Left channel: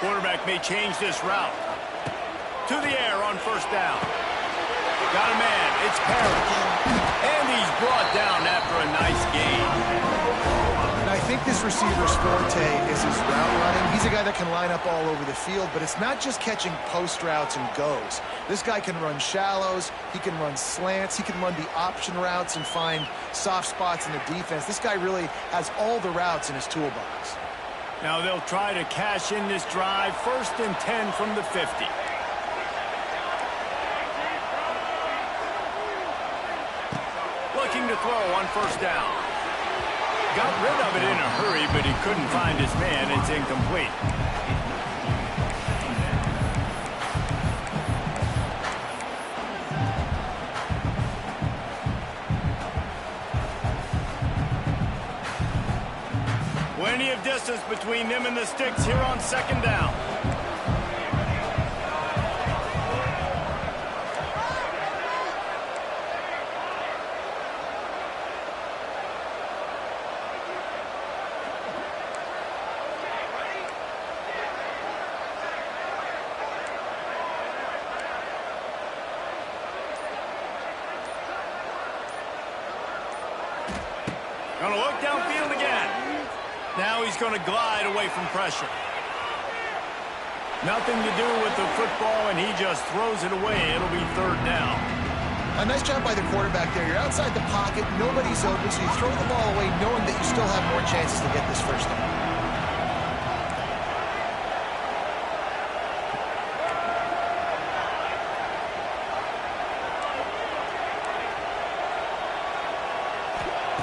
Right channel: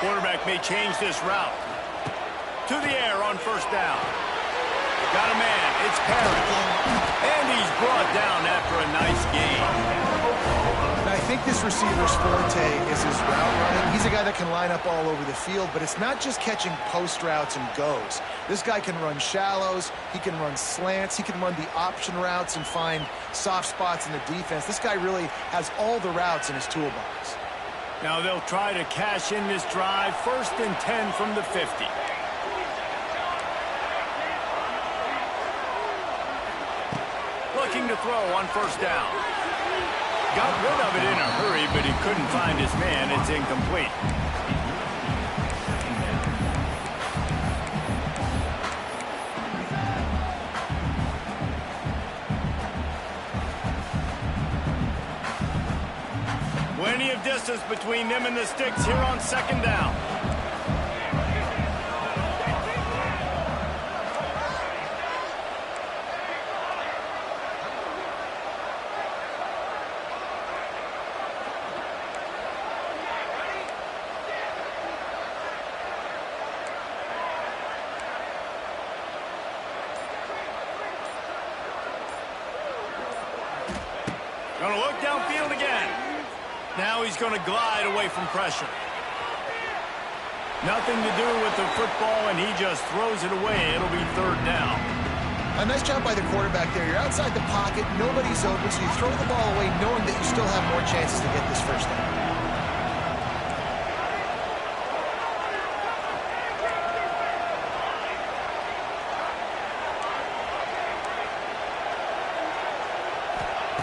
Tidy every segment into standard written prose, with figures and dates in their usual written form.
Quarterback may change this route. To the air on first down. Got a man. It's Parrish. And he's brought down after a nice gain. And I think this receiver's forte is his route running. He's a guy that can line up all over the field, but it's not just catching post routes and goes. This guy can run shallows. He can run slants. He can run the option routes and find soft spots in the defense. This guy really has all the routes in his toolbox. Now they'll try to cash in this drive. 1st and 10 from the 50. Looking to throw on first down. Got rid of it in a hurry, but he couldn't find his man. It's incomplete. Plenty of distance between them and the sticks here on 2nd down. Gonna look downfield again. Now he's gonna glide away from pressure. Nothing to do with the football, and he just throws it away. It'll be 3rd down. A nice job by the quarterback there. You're outside the pocket, nobody's open, so you throw the ball away knowing that you still have more chances to get this first down.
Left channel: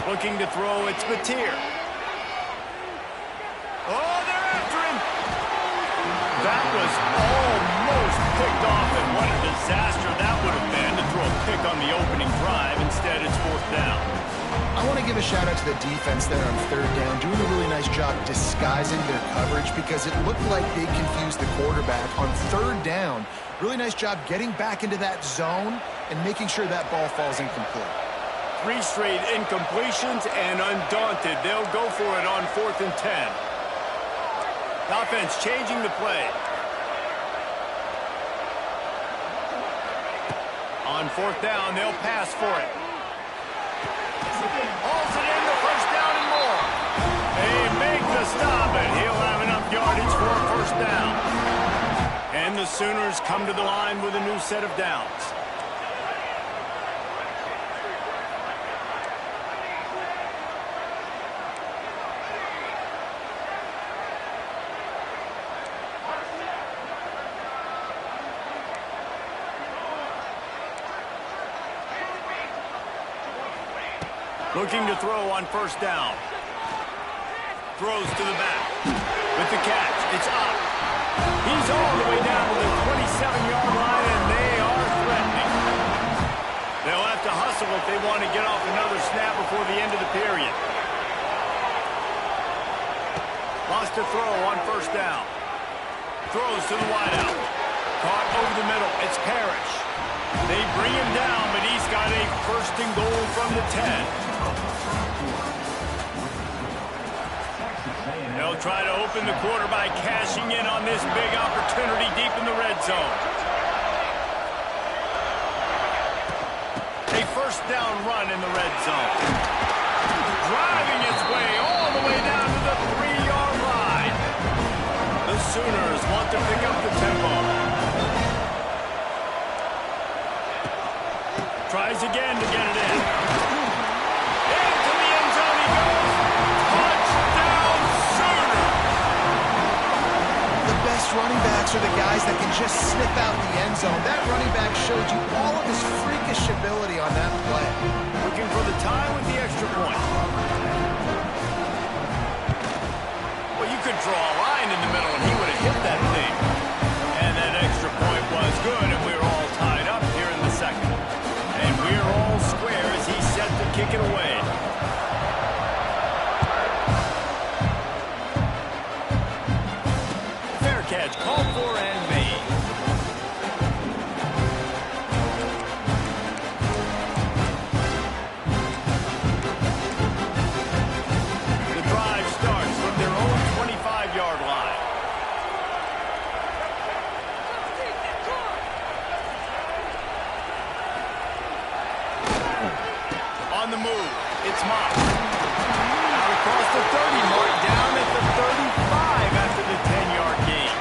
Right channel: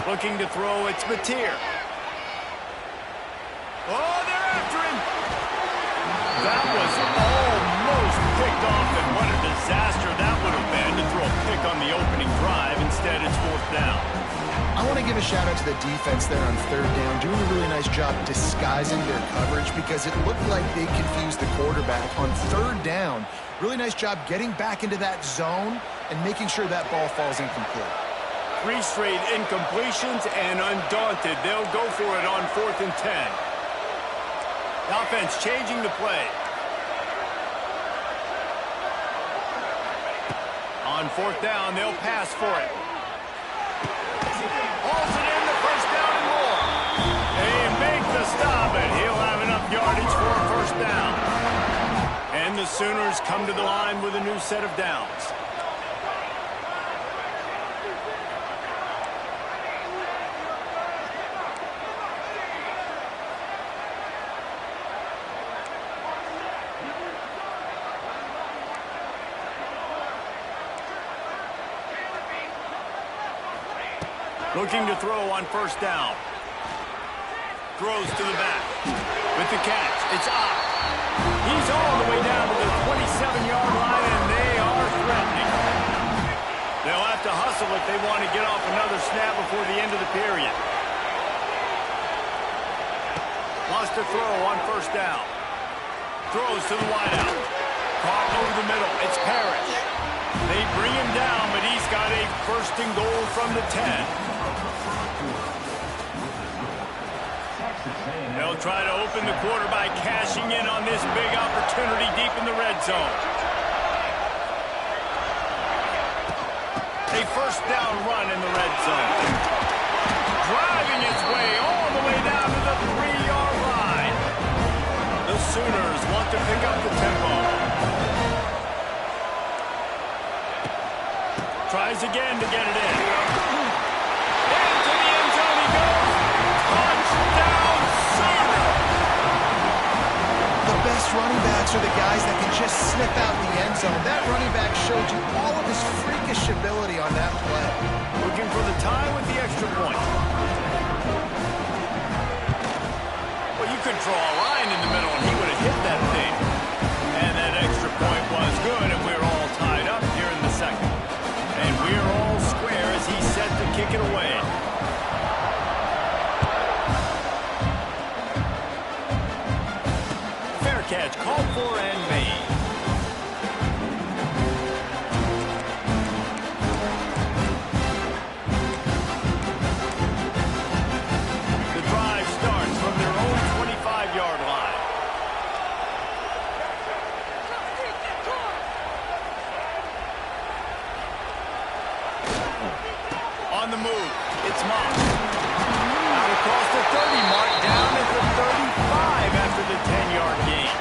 Looking to throw, it's Mateer. Oh, they're after him. That was almost picked off, and what a disaster that would have been to throw a pick on the opening drive. Instead, it's 4th down. I want to give a shout out to the defense there on 3rd down, doing a really nice job disguising their coverage because it looked like they confused the quarterback on 3rd down. Really nice job getting back into that zone and making sure that ball falls incomplete. 3 straight incompletions, and undaunted, they'll go for it on 4th and 10. The offense changing the play. On 4th down, they'll pass for it. Hauls it in the 1st down and more. They make the stop, and he'll have enough yardage for a 1st down. And the Sooners come to the line with a new set of downs. Looking to throw on 1st down. Throws to the back. With the catch, it's up. He's all the way down to the 27-yard line, and they are threatening. They'll have to hustle if they want to get off another snap before the end of the period. Wants to throw on 1st down. Throws to the wideout. Caught over the middle. It's Parrish. They bring him down, but he's got a 1st and goal from the 10. They'll try to open the quarter by cashing in on this big opportunity deep in the red zone. A 1st down run in the red zone. Driving its way all the way down to the 3-yard line. The Sooners want to pick up the tempo. Tries again to get it in. Into the end zone he goes. Touchdown, Sooner! The best running backs are the guys that can just snip out the end zone. That running back showed you all of his freakish ability on that play. Looking for the tie with the extra point. Well, you could draw a line in the middle and he would have hit that thing. And that extra point was good, and we're all tied up here in the 2nd. And we're all square as he's set to kick it away. Fair catch called for and made. The drive starts from their own 25-yard line. mocked. Out across the 30 mark, down at the 35 after the 10-yard gain.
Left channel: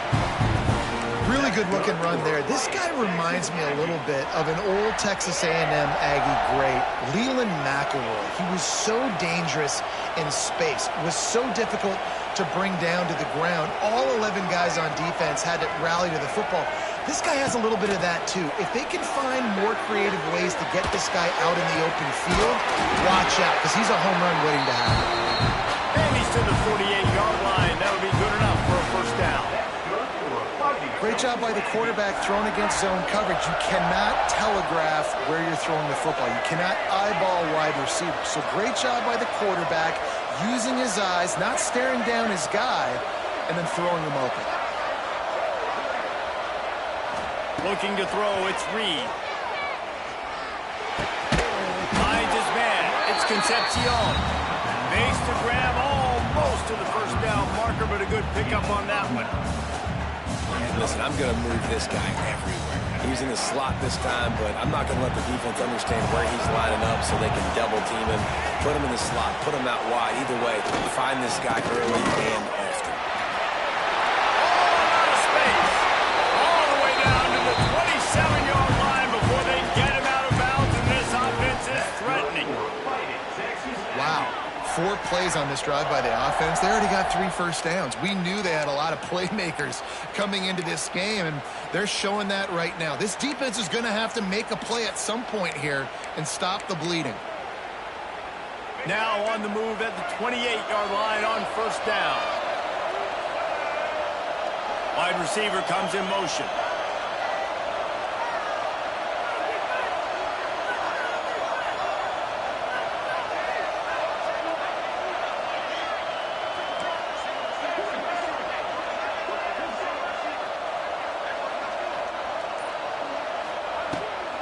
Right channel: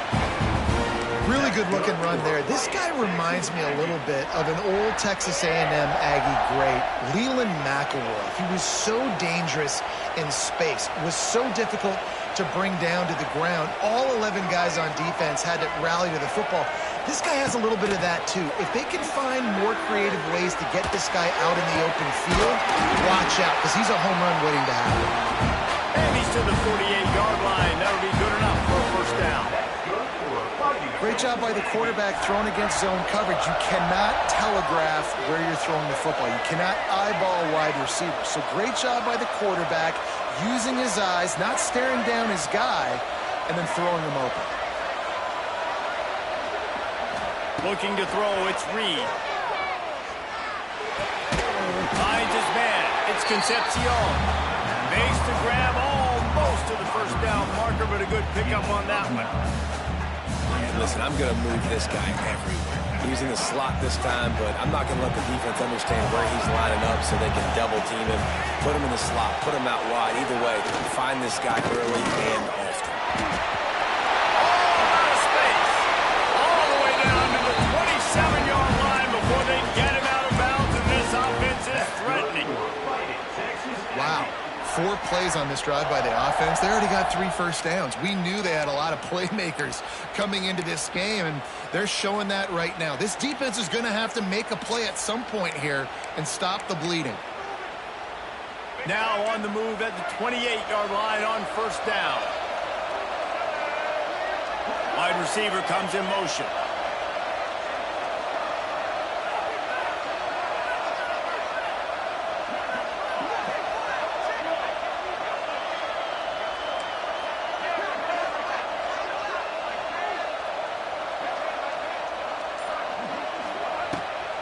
Really good looking run there. This guy reminds me a little bit of an old Texas A&M Aggie great, Leland McElroy. He was so dangerous in space, was so difficult to bring down to the ground. All 11 guys on defense had to rally to the football. This guy has a little bit of that too. If they can find more creative ways to get this guy out in the open field, watch out, because he's a home run waiting to happen. And he's to the 48-yard line. That'll be good enough for a first down. Great job by the quarterback thrown against zone coverage. You cannot telegraph where you're throwing the football. You cannot eyeball wide receivers. So great job by the quarterback using his eyes, not staring down his guy, and then throwing him open. Looking to throw, it's Reed. Finds his man. It's Concepcion. Makes the grab almost to the first down marker, but a good pickup on that one. And listen, I'm going to move this guy everywhere. He's in the slot this time, but I'm not going to let the defense understand where he's lining up so they can double team him, put him in the slot, put him out wide. Either way, find this guy early and often. All out of space. All the way down to the 27-yard line before they get him out of bounds, and this offense is threatening. Wow. 4 plays on this drive by the offense. They already got 3 first downs. We knew they had a lot of playmakers coming into this game, and they're showing that right now. This defense is going to have to make a play at some point here and stop the bleeding. Now on the move at the 28-yard line on first down. Wide receiver comes in motion.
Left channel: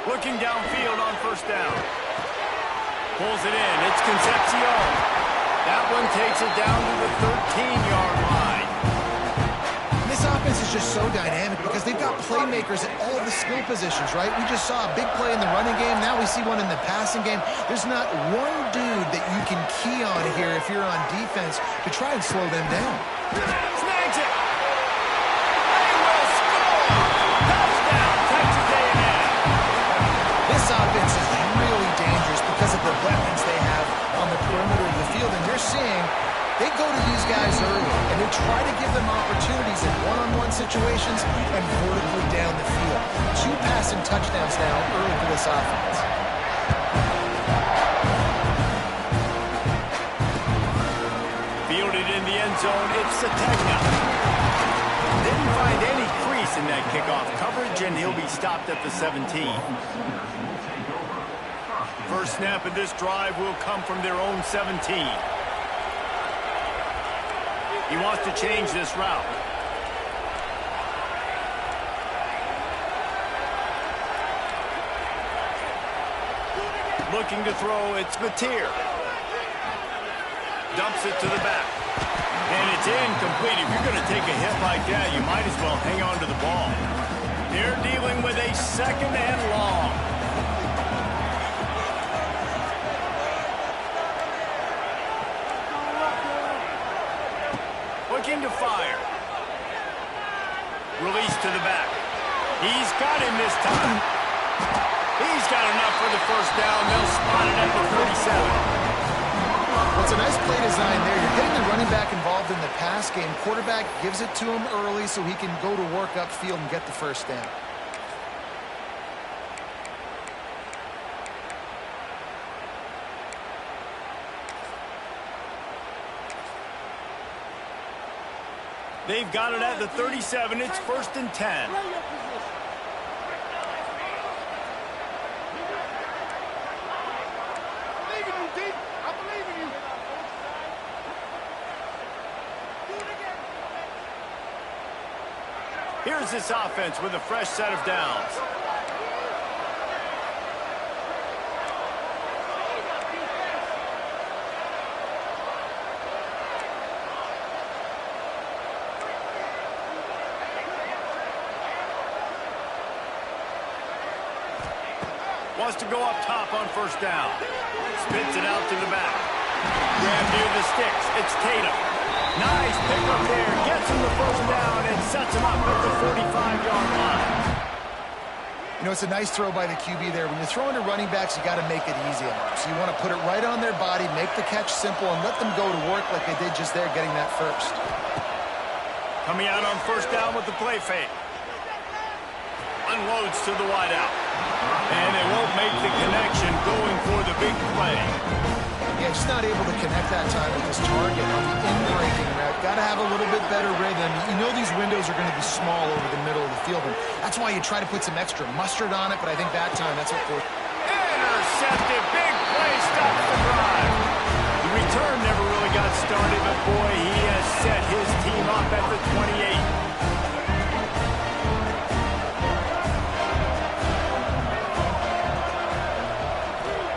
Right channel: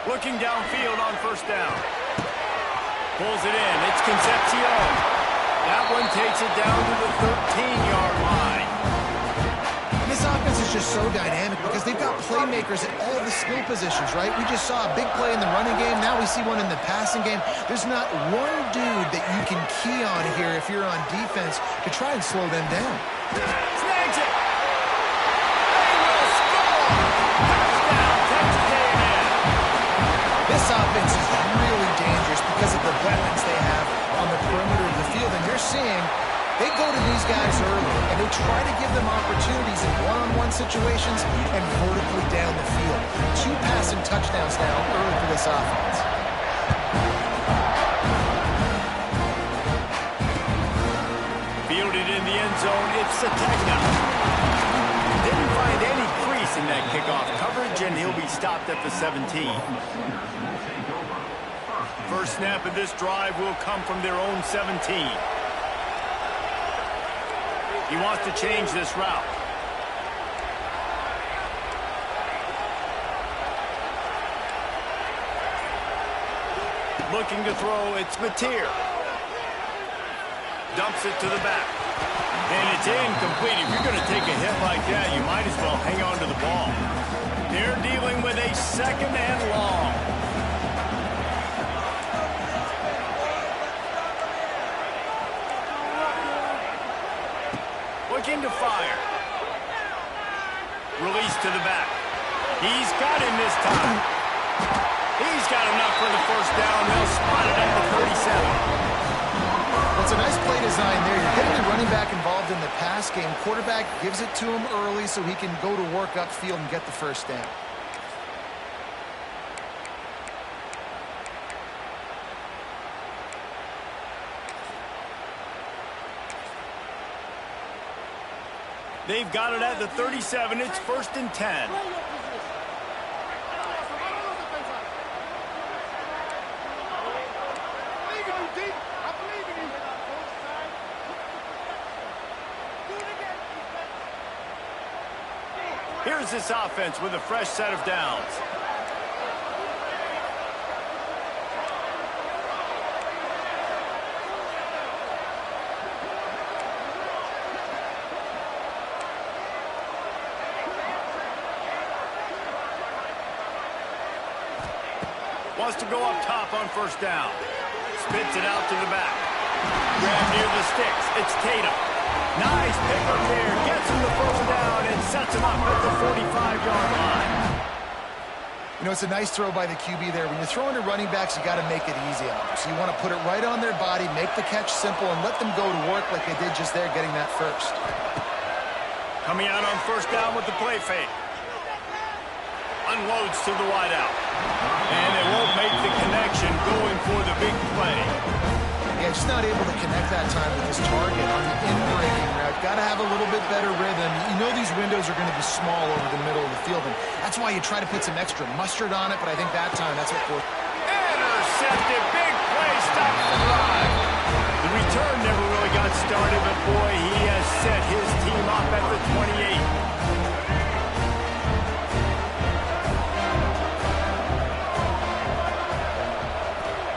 Looking downfield on first down. Pulls it in. It's Concepcion. That one takes it down to the 13-yard line. This offense is just so dynamic because they've got playmakers at all the skill positions, right? We just saw a big play in the running game. Now we see one in the passing game. There's not one dude that you can key on here if you're on defense to try and slow them down. Snags it. They will score. Touchdown, Texas A&M. This offense is really dangerous because of the weapons they have on the perimeter of the field. And you're seeing they go to these guys early, and they try to give them opportunities in one-on-one situations and vertically down the field. 2 passing touchdowns now early for this offense. Fielded in the end zone, it's Sategna. Didn't find any crease in that kickoff coverage, and he'll be stopped at the 17. First snap of this drive will come from their own 17. He wants to change this route. Looking to throw, it's Mateer. Dumps it to the back. And it's incomplete. If you're going to take a hit like that, you might as well hang on to the ball. They're dealing with a 2nd and long. Looking to fire. Release to the back. He's got him this time. He's got enough for the first down. They'll spot it at the 37. Well, it's a nice play design there. You're getting the running back involved in the pass game. Quarterback gives it to him early so he can go to work upfield and get the first down. They've got it at the 37. It's 1st and 10. Here's this offense with a fresh set of downs. Wants to go up top on first down. Spits it out to the back. Grab near the sticks. It's Tatum. Nice pickup there. Gets him the first down and sets him up at the 45-yard line. You know, it's a nice throw by the QB there. When you're throwing to running backs, you got to make it easy on them. So you want to put it right on their body, make the catch simple, and let them go to work like they did just there, getting that first. Coming out on first down with the play fake. Unloads to the wideout. And it won't make the connection going for the big play. Yeah, just not able to connect that time with his target on the in-breaking route. Got to have a little bit better rhythm. You know these windows are going to be small over the middle of the field, and that's why you try to put some extra mustard on it, but I think that time that's what forced. Intercepted. Big play. Stops the drive. The return never really got started, but boy, he has set his team up at the 28.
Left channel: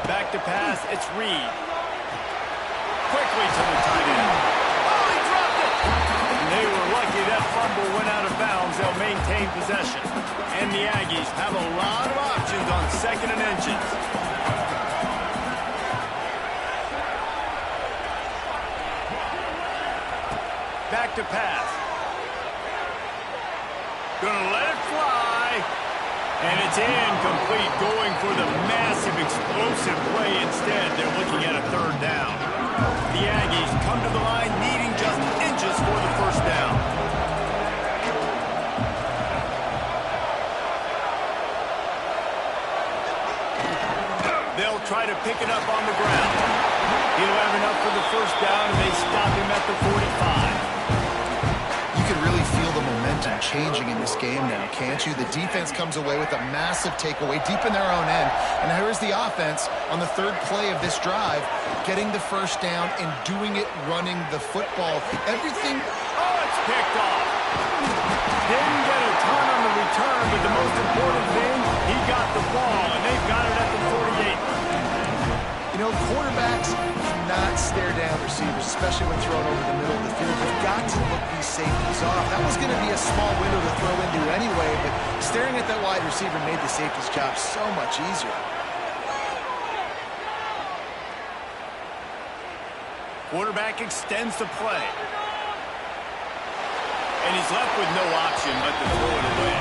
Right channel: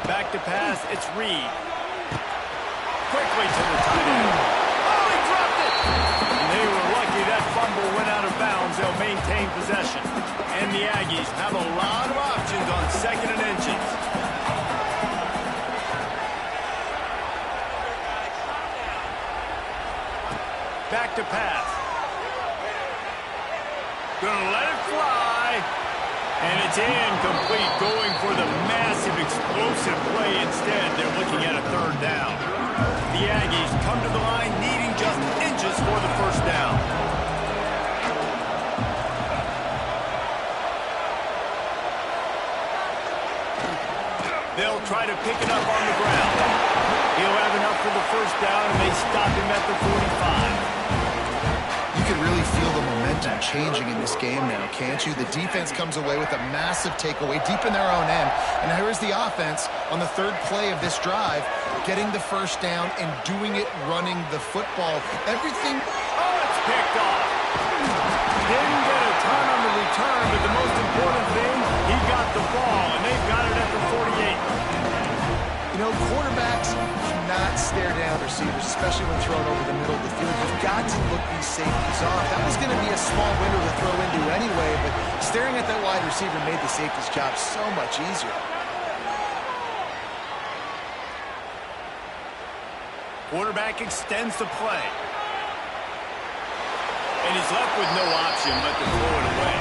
Back to pass. It's Reed. Quickly to the tight end. Oh, he dropped it! And they were lucky that fumble went out of bounds. They'll maintain possession. And the Aggies have a lot of options on 2nd and inches. Back to pass. Gonna let it fly. And it's incomplete, going for the massive explosive play instead. They're looking at a 3rd down. The Aggies come to the line needing just inches for the first down. They'll try to pick it up on the ground. He'll have enough for the first down, and they stop him at the 45. You can really feel the momentum changing in this game now, can't you? The defense comes away with a massive takeaway deep in their own end. And here is the offense on the 3rd play of this drive, getting the first down and doing it running the football. Everything... Oh, it's picked off. Didn't get a ton on the return, but the most important thing, he got the ball, and they've got it at the 48. You know, quarterbacks cannot stare down receivers, especially when thrown over the middle of the field. You've got to look these safeties off. That was going to be a small window to throw into anyway, but staring at that wide receiver made the safety's job so much easier. Quarterback extends the play. And he's left with no option but to throw it away.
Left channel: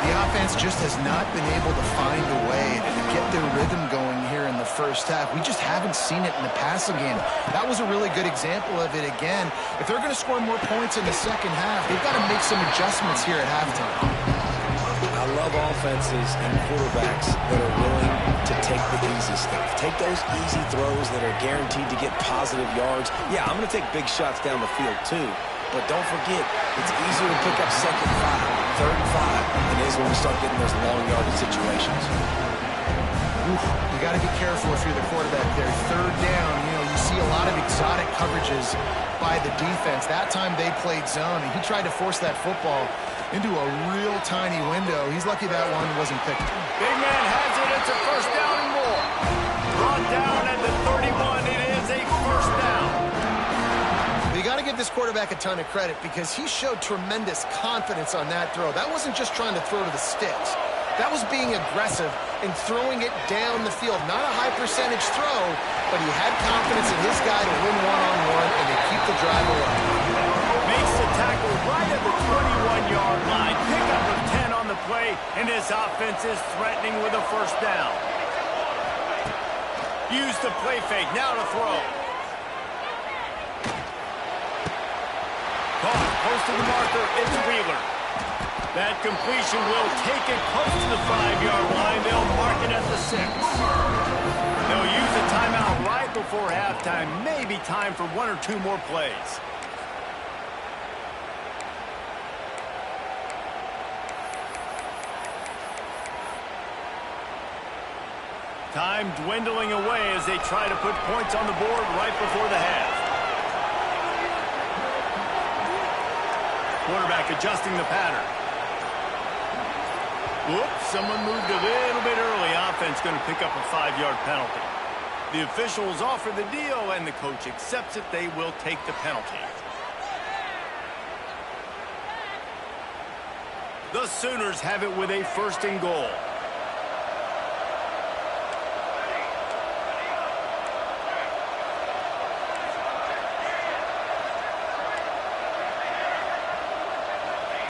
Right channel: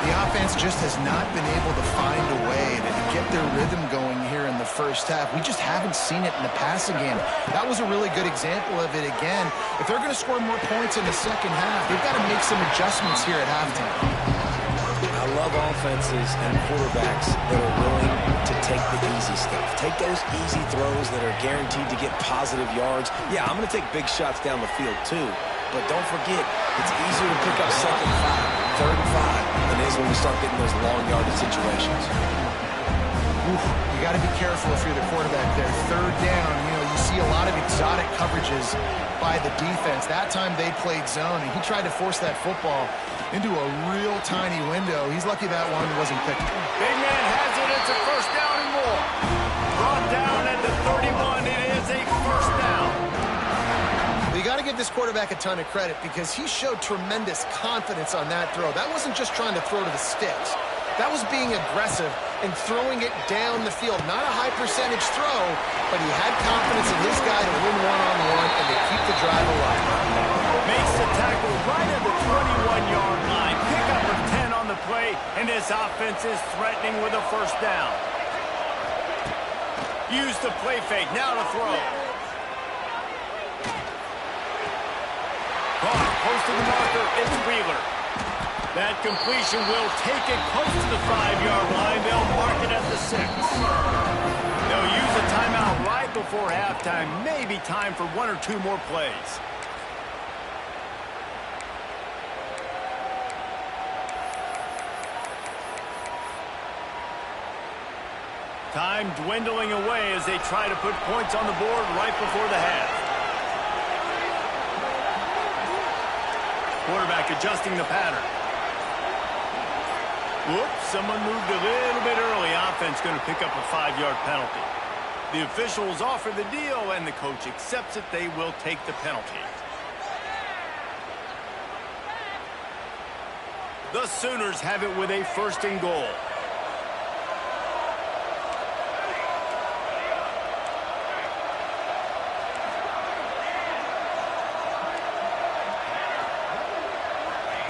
The offense just has not been able to find a way to get their rhythm going here in the first half. We just haven't seen it in the passing game. That was a really good example of it again. If they're going to score more points in the second half, they've got to make some adjustments here at halftime. I love offenses and quarterbacks that are willing to take the easy stuff. Take those easy throws that are guaranteed to get positive yards. Yeah, I'm going to take big shots down the field too. But don't forget, it's easier to pick up 2nd and 5, 3rd and 5 than it is when we start getting those long yardage situations. Oof, you got to be careful if you're the quarterback there. 3rd down, you know, you see a lot of exotic coverages by the defense. That time they played zone, and he tried to force that football into a real tiny window. He's lucky that one wasn't picked. Big man has it. It's a first down and more. Brought down at the 31. It is a first down. You got to give this quarterback a ton of credit because he showed tremendous confidence on that throw. That wasn't just trying to throw to the sticks. That was being aggressive and throwing it down the field. Not a high percentage throw, but he had confidence in his guy to win one-on-one, and they keep the drive alive. Makes the tackle right at the 21-yard line. Pick up a 10 on the play, and his offense is threatening with a first down. Use the play fake. Now to throw. Caught close to the marker. It's Wheeler. That completion will take it close to the 5-yard line. They'll mark it at the 6. They'll use a timeout right before halftime. Maybe time for 1 or 2 more plays. Time dwindling away as they try to put points on the board right before the half. Quarterback adjusting the pattern. Whoops, someone moved a little bit early. Offense going to pick up a 5-yard penalty. The officials offer the deal, and the coach accepts it. They will take the penalty. The Sooners have it with a 1st and goal.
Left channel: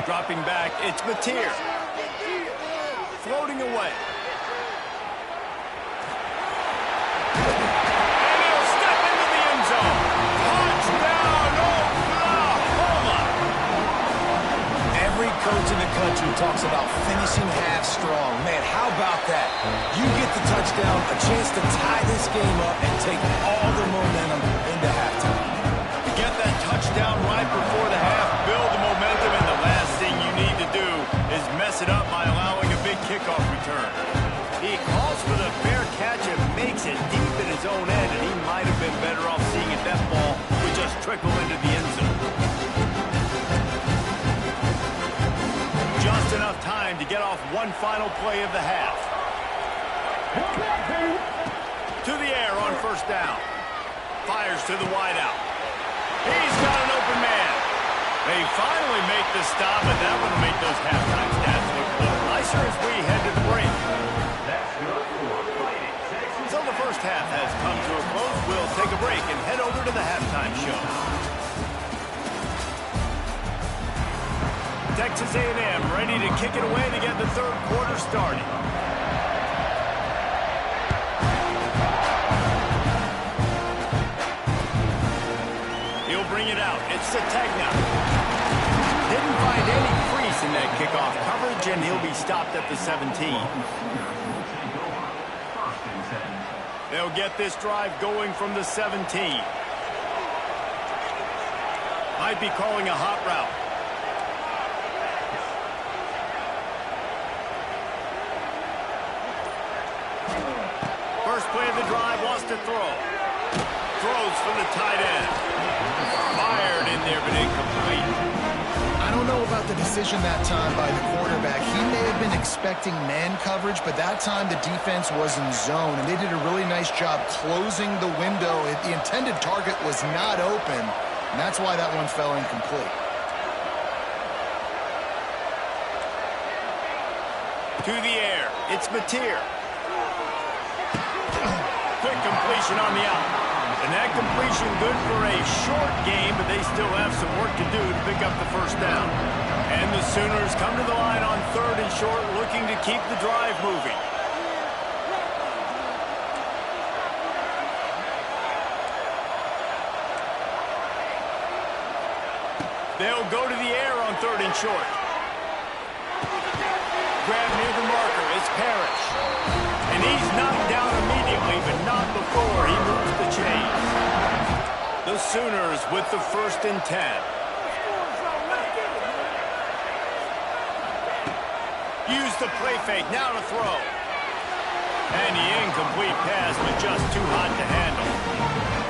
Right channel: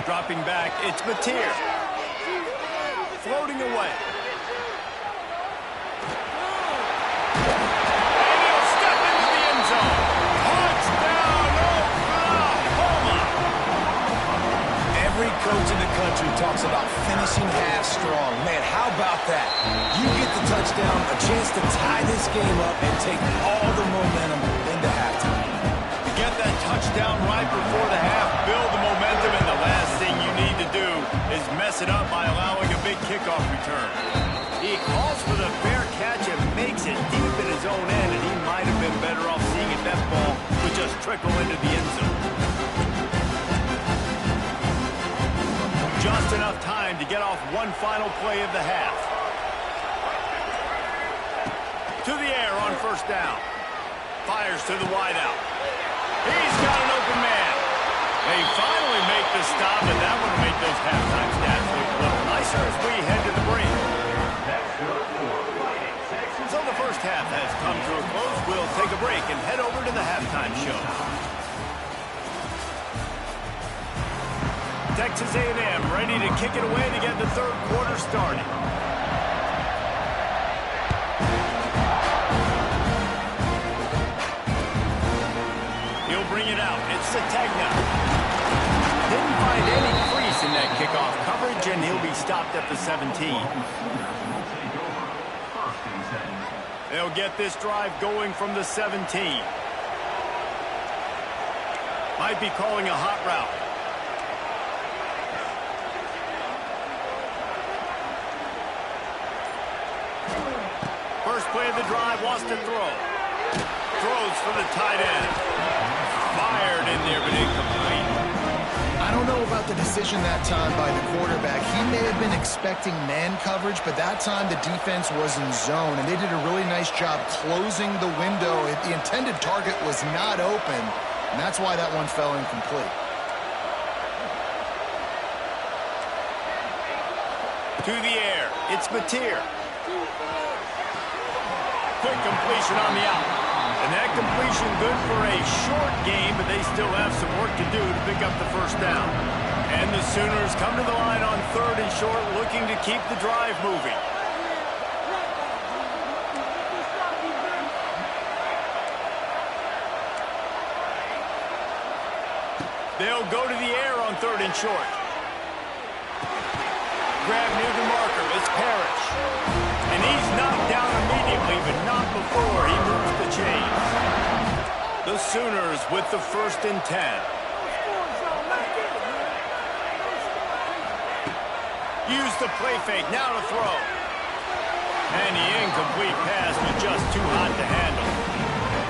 Dropping back, it's Mateer. Floating away. And he'll step into the end zone. Touchdown, Oklahoma! Every coach in the country talks about finishing half strong. Man, how about that? You get the touchdown, a chance to tie this game up and take all the momentum into halftime. To get that touchdown right before the half, build the momentum, and the last thing you need to do is mess it up by allowing a big kickoff return. He calls for the fair catch and makes it deep in his own end, and he might have been better off seeing if that ball would just trickle into the end zone. Just enough time to get off one final play of the half. To the air on first down. Fires to the wideout. He's got an open man. They finally make the stop, and that one will make those halftime stats look a little nicer as we head to the break. So the first half has come to a close. We'll take a break and head over to the halftime show. Texas A&M ready to kick it away to get the third quarter started. He'll bring it out. It's Sategna. Didn't find any crease in that kickoff coverage, and he'll be stopped at the 17. They'll get this drive going from the 17. Might be calling a hot route. First play of the drive, wants to throw. Throws for the tight end. Fired in there, but incomplete. I don't know about the decision that time by the quarterback. He may have been expecting man coverage, but that time the defense was in zone, and they did a really nice job closing the window. The intended target was not open, and that's why that one fell incomplete. To the air, it's Mateer. Quick completion on the out. And that completion good for a short game, but they still have some work to do to pick up the first down. And the Sooners come to the line on third and short, looking to keep the drive moving. They'll go to the air on third and short. Grab near the marker, it's Parrish. And he's knocked down immediately, but not before he moves the chains. The Sooners with the 1st and 10. Use the play fake, now to throw. And the incomplete pass was just too hot to handle.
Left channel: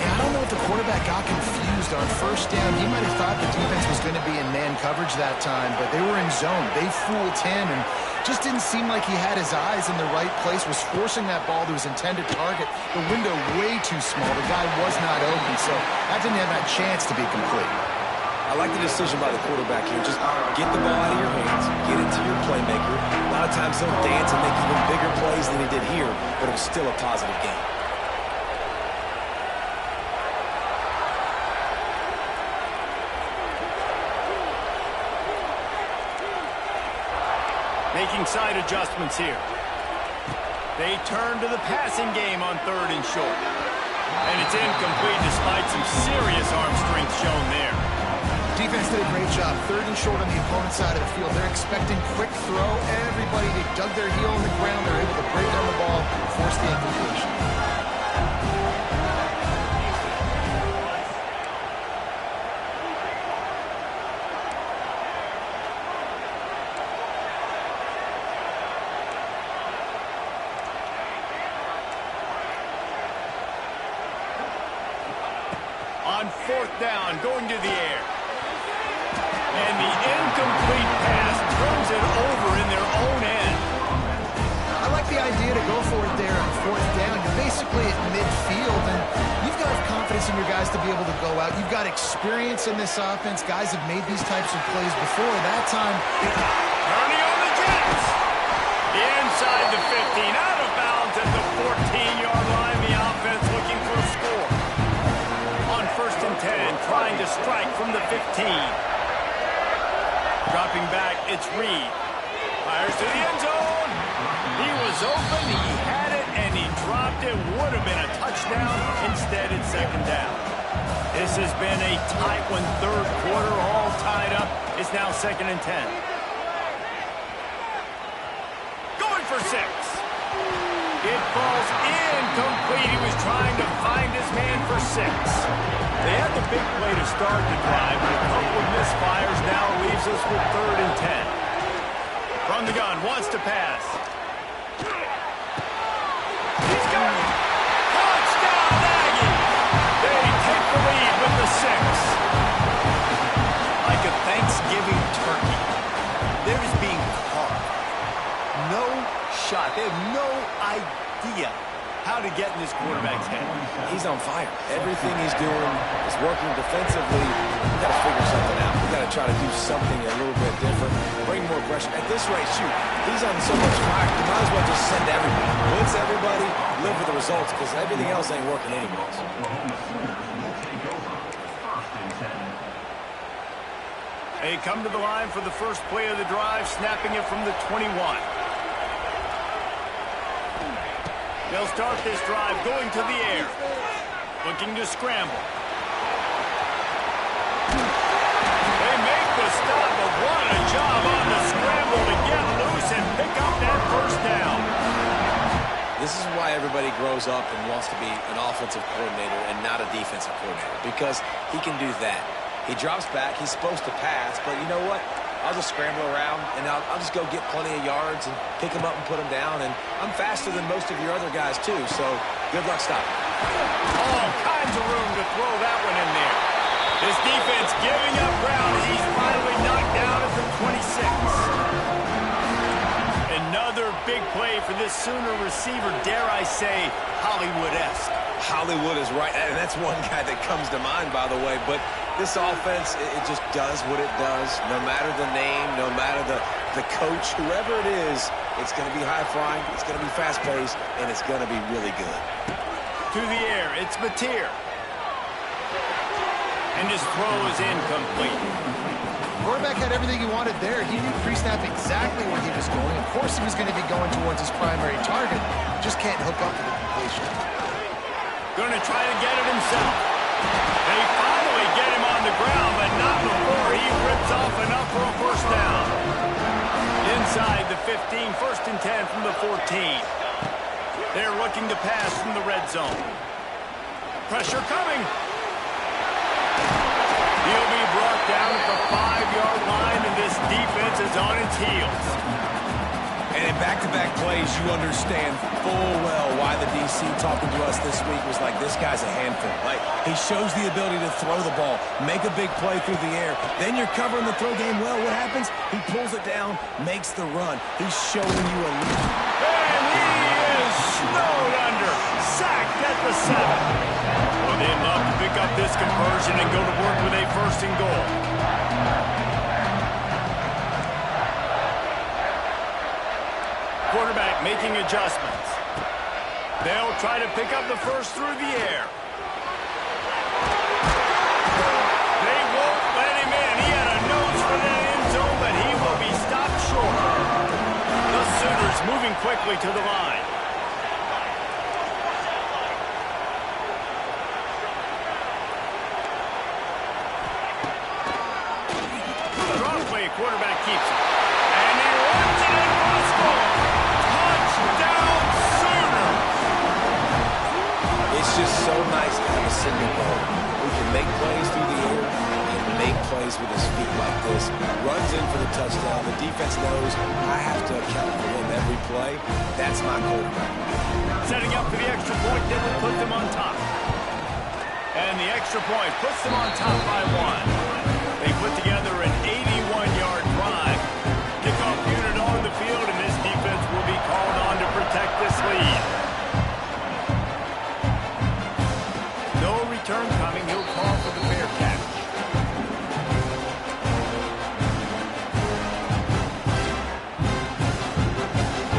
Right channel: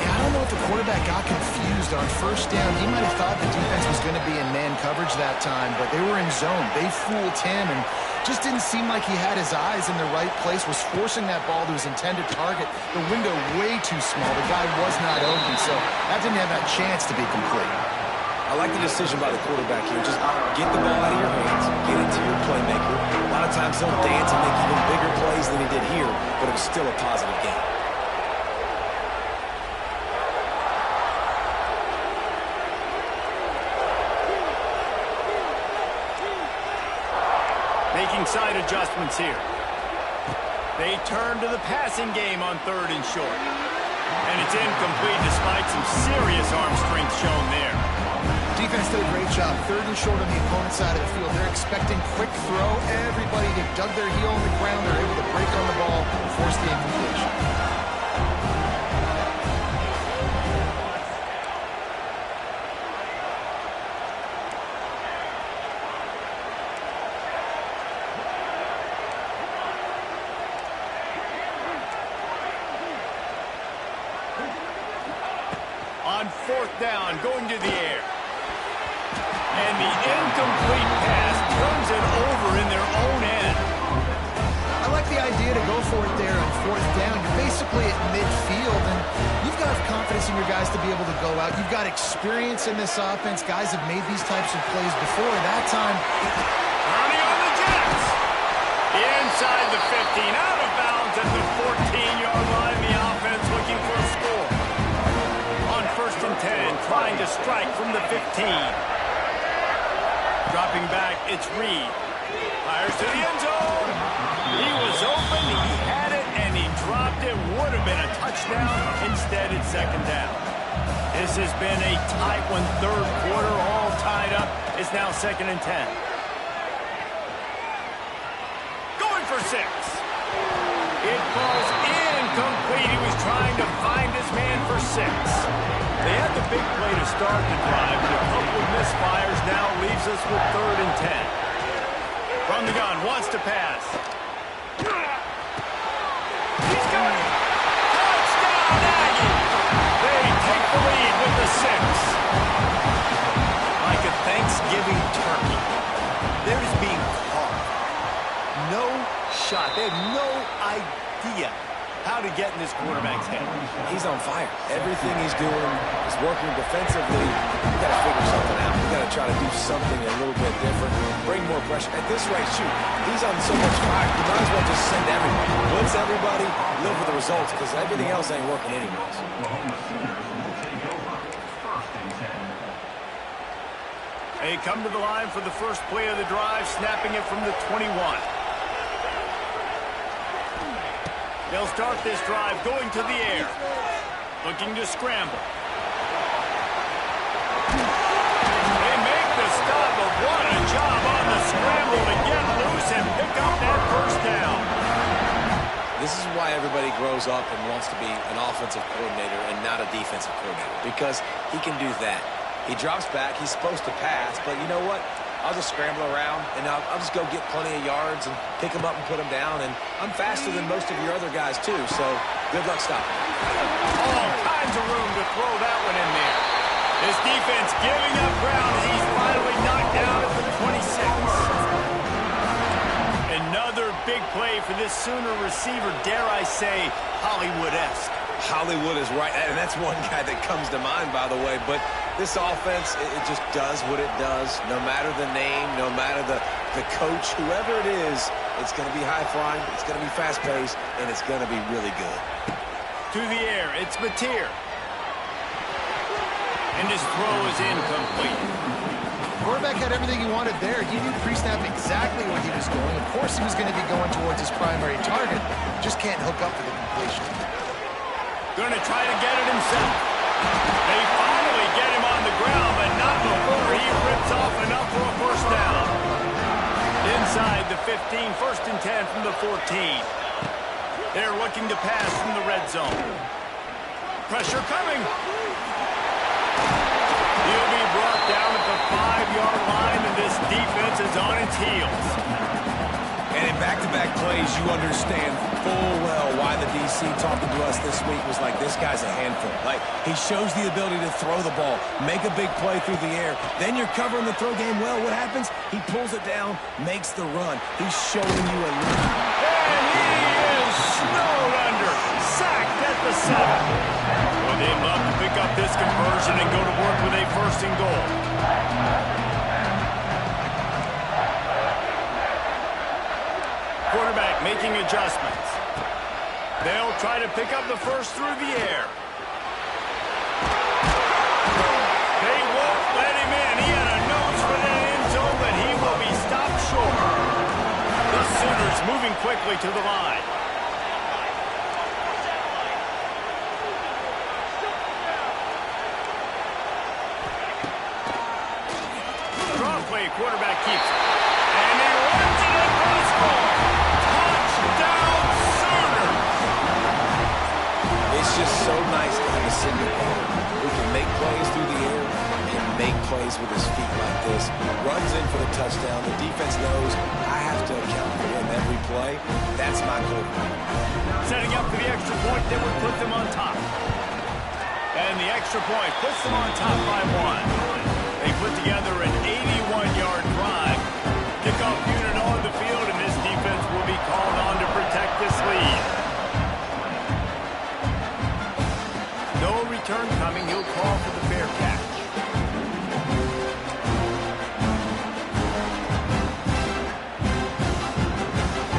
Yeah, I don't know if the quarterback got confused on first down. He might have thought the defense was going to be in man coverage that time, but they were in zone. They fooled him and just didn't seem like he had his eyes in the right place, was forcing that ball to his intended target. The window way too small. The guy was not open, so that didn't have that chance to be complete. I like the decision by the quarterback here. Just get the ball out of your hands, get it to your playmaker. A lot of times he'll dance and make even bigger plays than he did here, but it was still a positive game. Making side adjustments here. They turn to the passing game on third and short. And it's incomplete despite some serious arm strength shown there. Defense did a great job. Third and short on the opponent's side of the field. They're expecting quick throw. Everybody, they dug their heel in the ground. They're able to break on the ball, force the incompletion. On fourth down, going to the air. And the incomplete pass turns it over in their own end. I like the idea to go for it there on fourth down. You're basically at midfield, and you've got confidence in your guys to be able to go out. You've got experience in this offense. Guys have made these types of plays before. That time, Turning on the Jets. Inside the 15, out of bounds at the 14-yard line. The offense looking for a score. On 1st and 10, trying to strike from the 15. Dropping back, it's Reed. Fires to the end zone. He was open, he had it, and he dropped it. Would have been a touchdown. Instead, it's second down. This has been a tight one, third quarter, all tied up. It's now 2nd and 10. Going for 6. It falls incomplete. He was trying to find his man for 6. They had the big play to start the drive, but a couple of misfires now leaves us with 3rd and 10. From the gun, wants to pass. He's got it. Touchdown, Aggie. They take the lead with the 6. Like a Thanksgiving turkey, there is being carved. No shot. They have no idea how to get in this quarterback's head. He's on fire. Everything he's doing is working defensively. We got to figure something out. We got to try to do something a little bit different. Bring more pressure. At this rate, shoot, he's on so much fire. You might as well just send everybody. Blitz everybody, live with the results, because everything else ain't working anyways. They come to the line for the first play of the drive, snapping it from the 21. They'll start this drive going to the air. Looking to scramble. They make the stop, but what a job on the scramble to get loose and pick up that first down. This is why everybody grows up and wants to be an offensive coordinator and not a defensive coordinator, because he can do that. He drops back. He's supposed to pass, but you know what? I'll just scramble around, and I'll just go get plenty of yards and pick them up and put them down. And I'm faster than most of your other guys, too, so good luck stopping. All kinds of room to throw that one in there. This defense giving up ground as he's finally knocked down at the 26. Another big play for this Sooner receiver, dare I say, Hollywood-esque. Hollywood is right, and that's one guy that comes to mind, by the way. But this offense, it just does what it does. No matter the name, no matter the coach, whoever it is, it's going to be high-flying, it's going to be fast-paced, and it's going to be really good. To the air, it's Mateer. And his throw is incomplete. Quarterback had everything he wanted there. He knew pre-snap exactly where he was going. Of course he was going to be going towards his primary target. Just can't hook up for the completion. Going to try to get it himself. They finally get him on the ground, but not before he rips off enough for a first down. Inside the 15, 1st and 10 from the 14. They're looking to pass from the red zone. Pressure coming. He'll be brought down at the 5-yard line, and this defense is on its heels. And in back-to-back plays, you understand full well why the DC talking to us this week was like, this guy's a handful. Like, he shows the ability to throw the ball, make a big play through the air. Then you're covering the throw game well. What happens? He pulls it down, makes the run. He's showing you a lead. And he is snowed under. Sacked at the 7. Well, they'd love to pick up this conversion and go to work with a 1st and goal. Quarterback making adjustments. They'll try to pick up the first through the air. They won't let him in. He had a nose for that end zone, but he will be stopped short. The Sooners moving quickly to the line. Draw play, quarterback keeps it. And he runs it in for a score. Touchdown, Sooners! It's just so nice to have a signal caller who can make plays through the air and make plays with his feet like this. Runs in for the touchdown. The defense knows I have to account for him every play. That's my quarterback. Setting up for the extra point that would put them on top. And the extra point puts them on top by 1. They put together an 81-yard drive. Kickoff unit on the field, and this defense will be called on to protect this lead. No return coming. He'll call for the fair catch.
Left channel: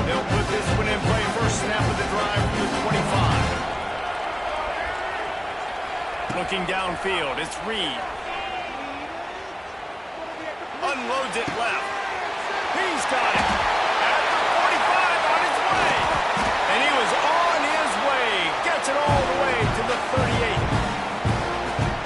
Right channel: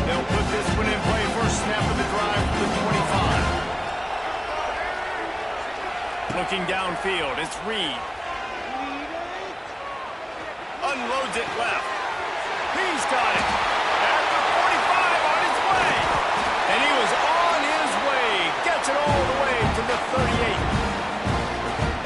They'll put this one in play. First snap of the drive from the 25. Looking downfield, it's Reed. A unloads it left. He's got it. At the 45 on his way. And he was on his way. Gets it all the way to the 38.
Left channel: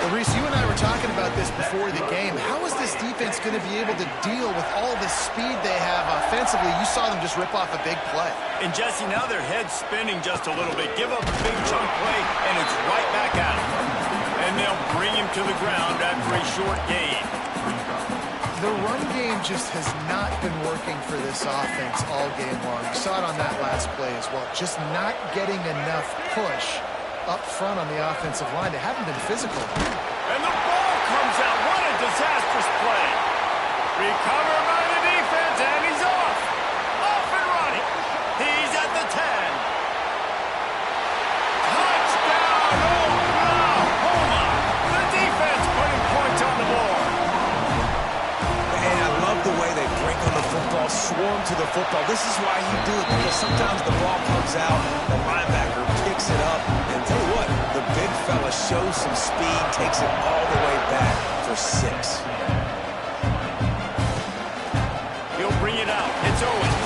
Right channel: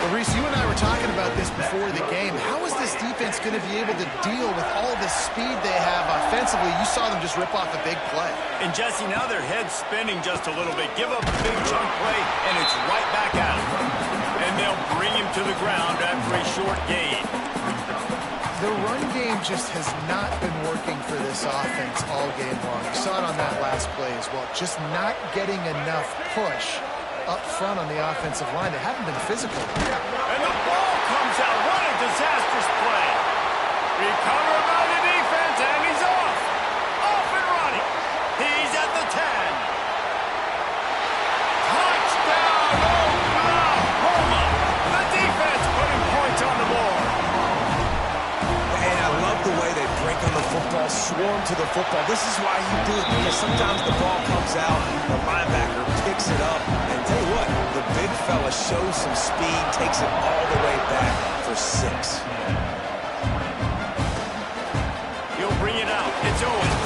Well, Reese, you and I were talking about this before the game. How is this defense going to be able to deal with all the speed they have offensively? You saw them just rip off a big play. And, Jesse, now their head's spinning just a little bit. Give up a big chunk play, and it's right back at him. And they'll bring him to the ground after a short gain. The run game just has not been working for this offense all game long. You saw it on that last play as well. Just not getting enough push up front on the offensive line. They haven't been physical. And the ball comes out. What a disastrous play. Recovered by the defense, and he's off. Off and running. He's at the 10. Touchdown, Oklahoma. The defense putting points on the board. And I love the way they break on the football, swarm to the football. This is why you do it, because sometimes the ball comes out, the linebacker picks it up, and tell you what, the big fella shows some speed, takes it all the way back for 6. He'll bring it out. It's Owens.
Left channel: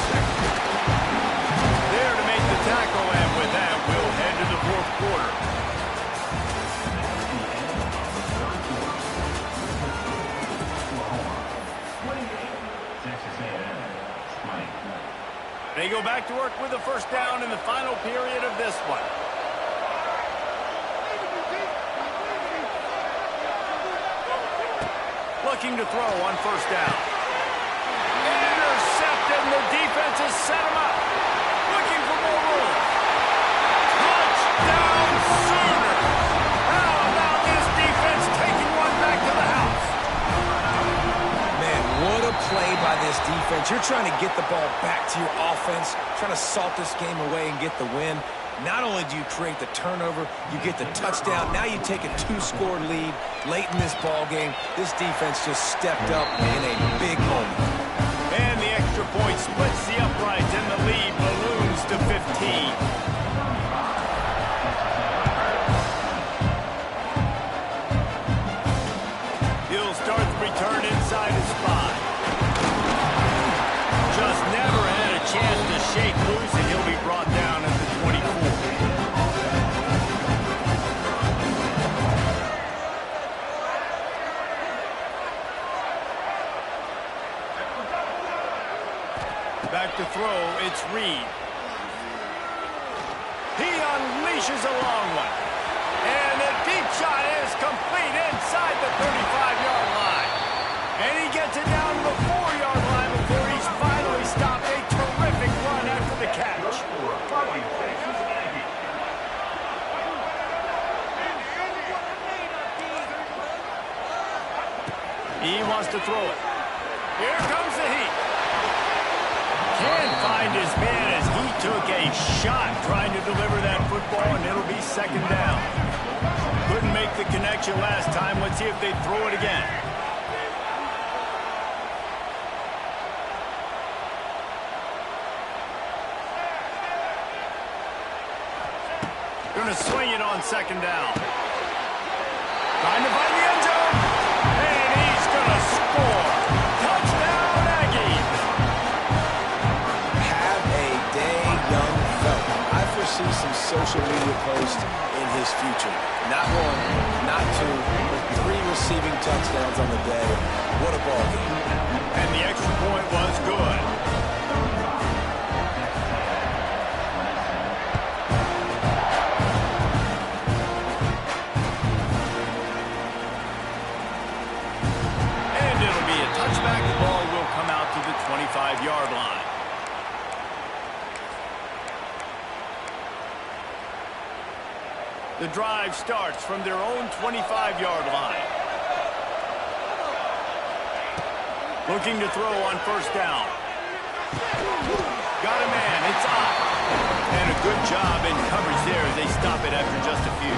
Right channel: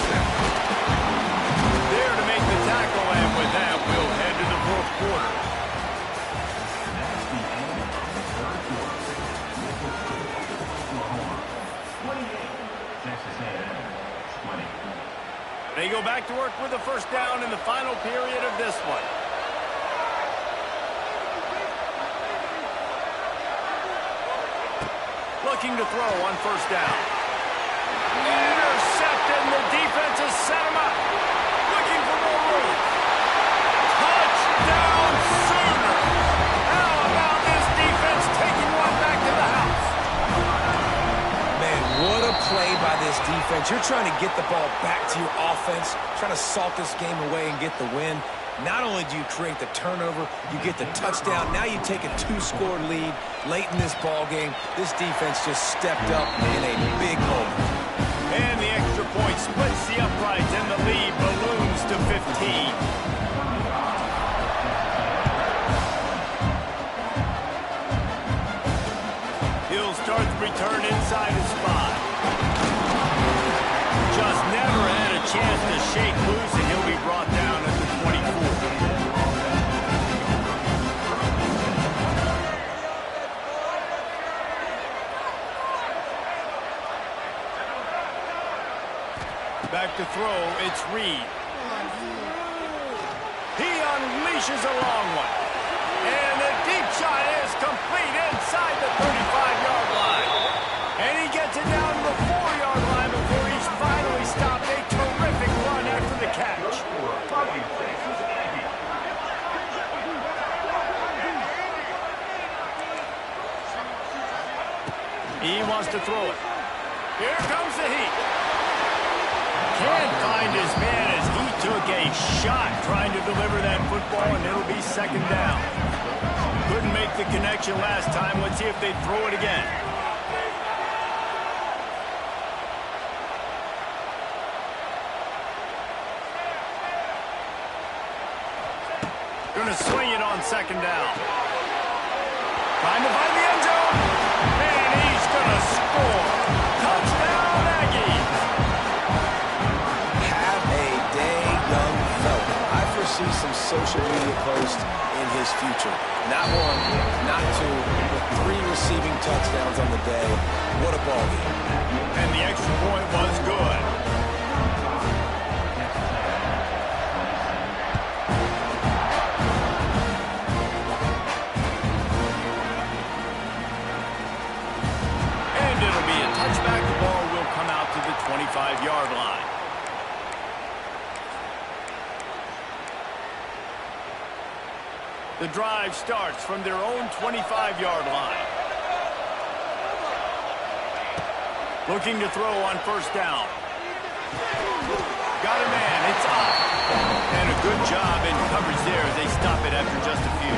There to make the tackle, and with that, we'll head to the fourth quarter. They go back to work with a first down in the final period of this one. Looking to throw on first down. Intercepted, and the defense has set him up. Looking for more room. Touchdown, Sooners! How about this defense taking one back to the house? Man, what a play by this defense. You're trying to get the ball back to your offense, trying to salt this game away and get the win. Not only do you create the turnover, you get the touchdown. Now you take a 2-score lead late in this ball game. This defense just stepped up in a big moment. And the extra point splits the uprights, and the lead balloons to 15. He'll start the return inside his 5. Just never had a chance to shake loose, and he'll be brought down at the 24. Back to throw, it's Reed. He unleashes a long one. And the deep shot is complete inside the 35-yard line. And he gets it down to the 4-yard line before he's finally stopped. A terrific run after the catch. He wants to throw it. Here comes the heat. Can't find his man as he took a shot trying to deliver that football, and it'll be second down. Couldn't make the connection last time. Let's see if they throw it again. Gonna swing it on second down. Trying to find the end zone. And he's gonna score. Touchdown, Aggies. Have a day, young fella. I foresee some social media posts in his future. Not 1, not 2, but 3 receiving touchdowns on the day. What a ball game. And the extra point was good. And it'll be a touchback. The ball will come out to the 25-yard line. The drive starts from their own 25-yard line. Looking to throw on first down. Got a man, it's off. And a good job in coverage there as they stop it after just a few.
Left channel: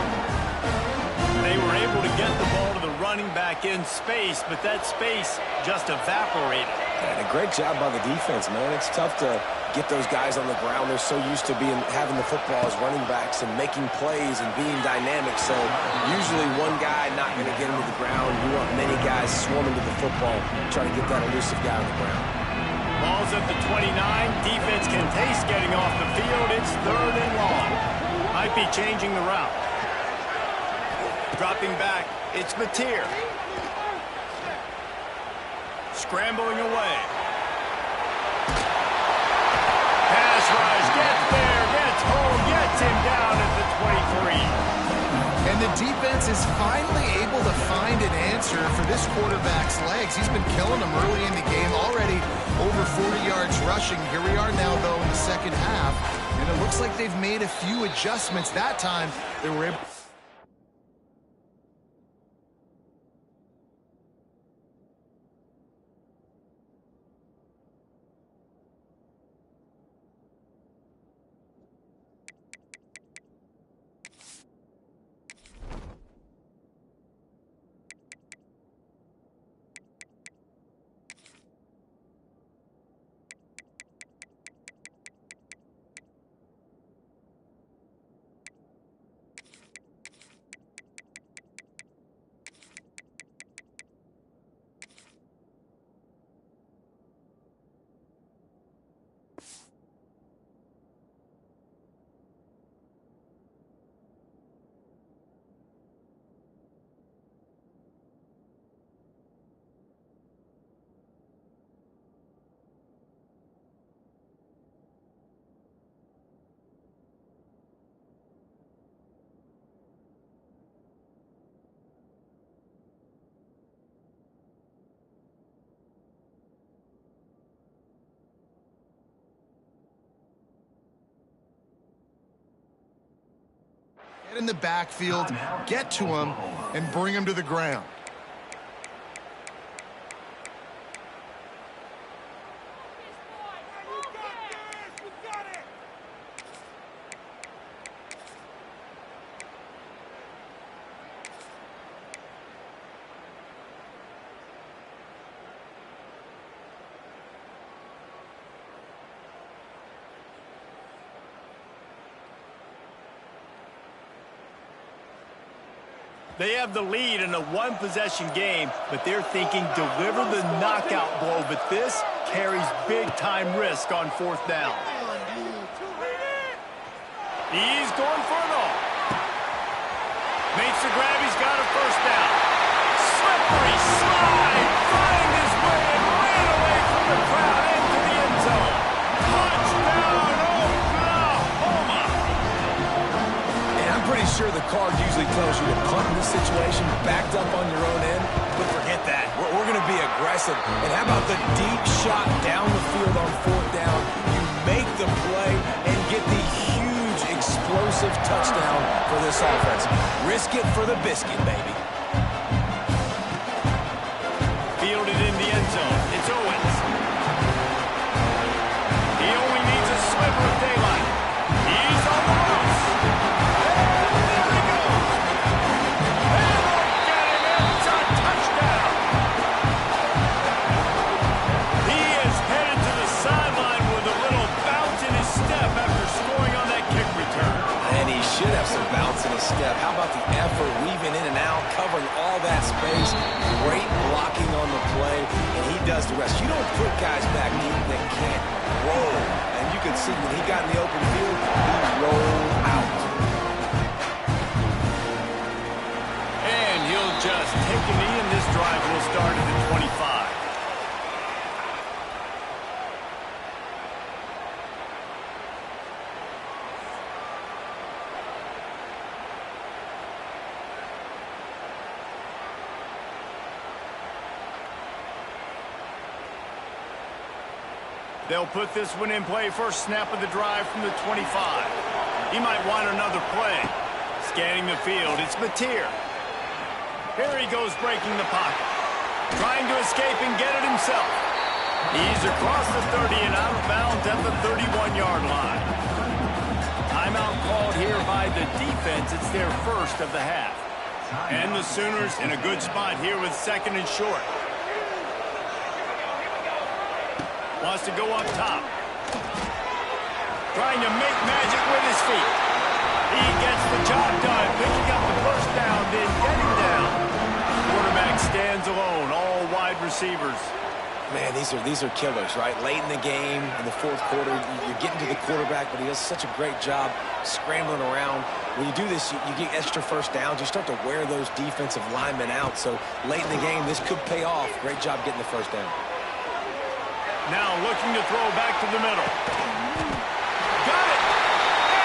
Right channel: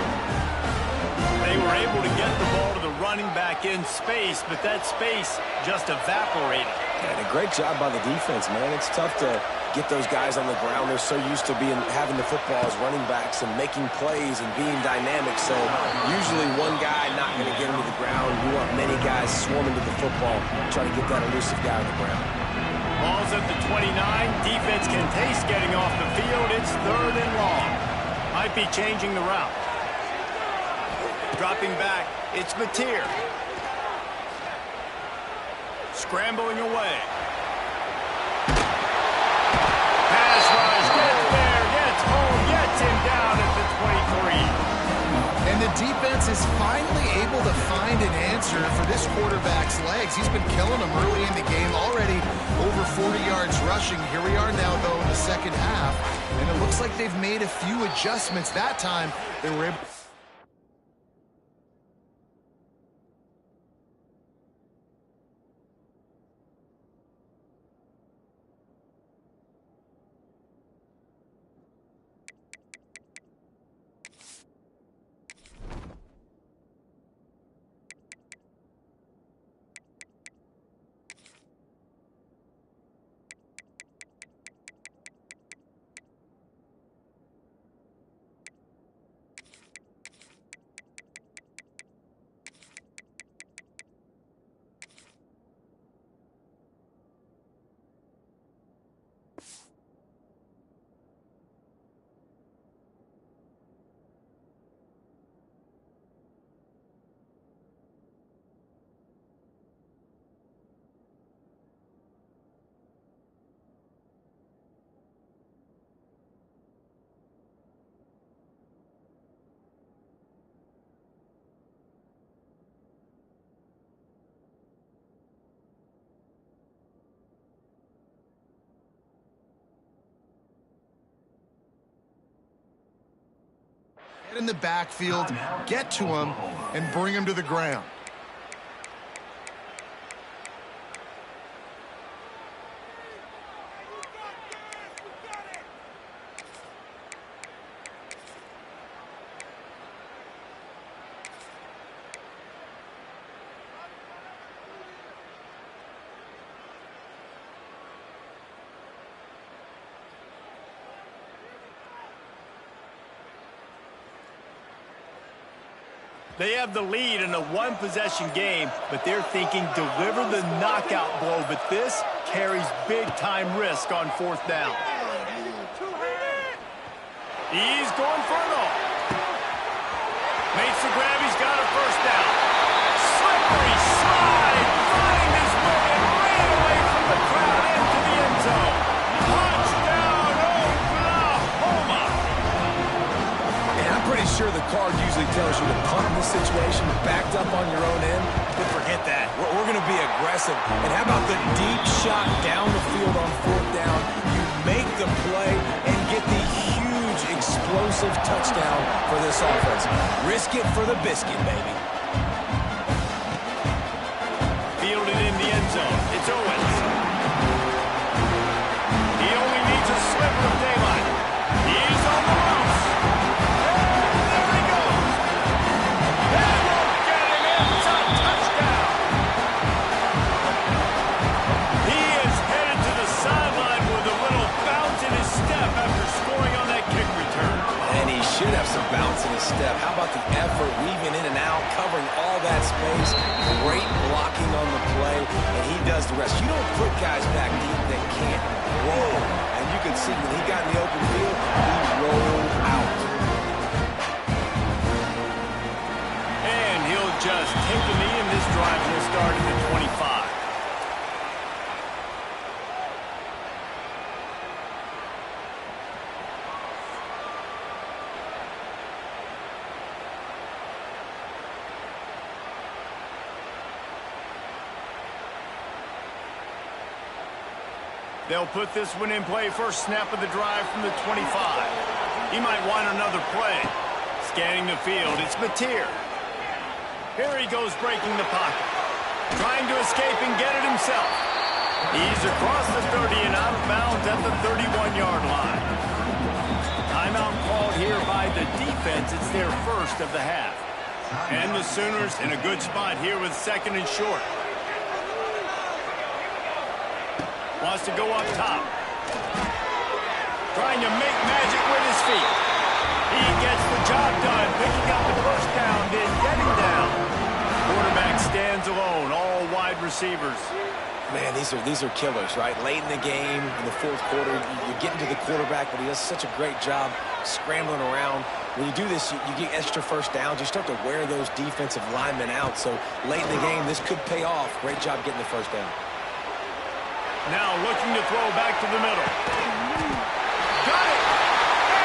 They were able to get the ball to the running back in space, but that space just evaporated. And a great job by the defense, man. It's tough to get those guys on the ground. They're so used to having the football as running backs and making plays and being dynamic. So usually one guy not going to get him to the ground. You want many guys swarming to the football, trying to get that elusive guy on the ground. Ball's at the 29. Defense can taste getting off the field. It's 3rd and long. Might be changing the route. Dropping back, it's Mateer. Scrambling away. Pass rush, gets there, gets home, gets him down at the 23. And the defense is finally able to find an answer for this quarterback's legs. He's been killing them early in the game, already over 40 yards rushing. Here we are now, though, in the second half, and it looks like they've made a few adjustments. That time, they were able... Get in the backfield, get to him, and bring him to the ground. They have the lead in a one-possession game, but they're thinking deliver the knockout blow. But this carries big-time risk on 4th down. He's going for it all. Makes the grab. He's got a 1st down. Slippery slide. Find his way and ran away from the crowd into the end zone. Touchdown, Oklahoma. I'm pretty sure the card usually tells you to punt in this situation, backed up on your own end. But forget that. We're going to be aggressive. And how about the deep shot down the field on 4th down? You make the play and get the huge explosive touchdown for this offense. Risk it for the biscuit, baby. Fielded in the end zone. It's Owens. He only needs a sliver of daylight. He's on the loose. After scoring on that kick return. And he should have some bounce in his step. How about the effort, weaving in and out, covering all that space, great blocking on the play, and he does the rest. You don't put guys back deep that can't roll. And you can see when he got in the open field, he rolled out. And he'll just take a knee, and this drive will start at the 25. They'll put this one in play. First snap of the drive from the 25. He might want another play. Scanning the field, it's Mateer. Here he goes breaking the pocket. Trying to escape and get it himself. He's across the 30 and out of bounds at the 31-yard line. Timeout called here by the defense. It's their first of the half. And the Sooners in a good spot here with 2nd and short. Wants to go up top. Trying to make magic with his feet. He gets the job done, picking up the first down, then getting down. Quarterback stands alone, all wide receivers. Man, these are killers, right? Late in the game, in the fourth quarter, you're getting to the quarterback, but he does such a great job scrambling around. When you do this, you get extra first downs. You start to wear those defensive linemen out. So late in the game, this could pay off. Great job getting the first down. Now looking to throw back to the middle. Got it!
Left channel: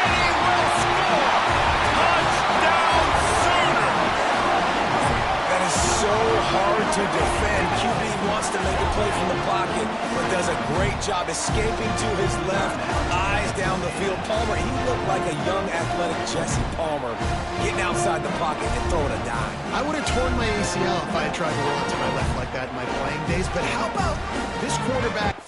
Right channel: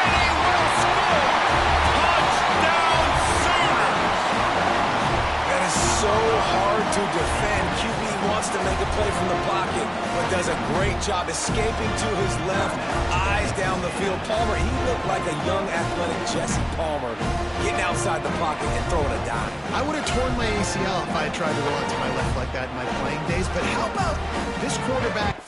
And he will score! Touchdown Sooners! That is so hard to defend. QB wants to make a play from the pocket, but does a great job escaping to his left, eyes down the field. Palmer, he looked like a young athletic Jesse Palmer, getting outside the pocket and throwing a dime. I would have torn my ACL if I had tried to roll out to my left like that in my playing days, but how about this quarterback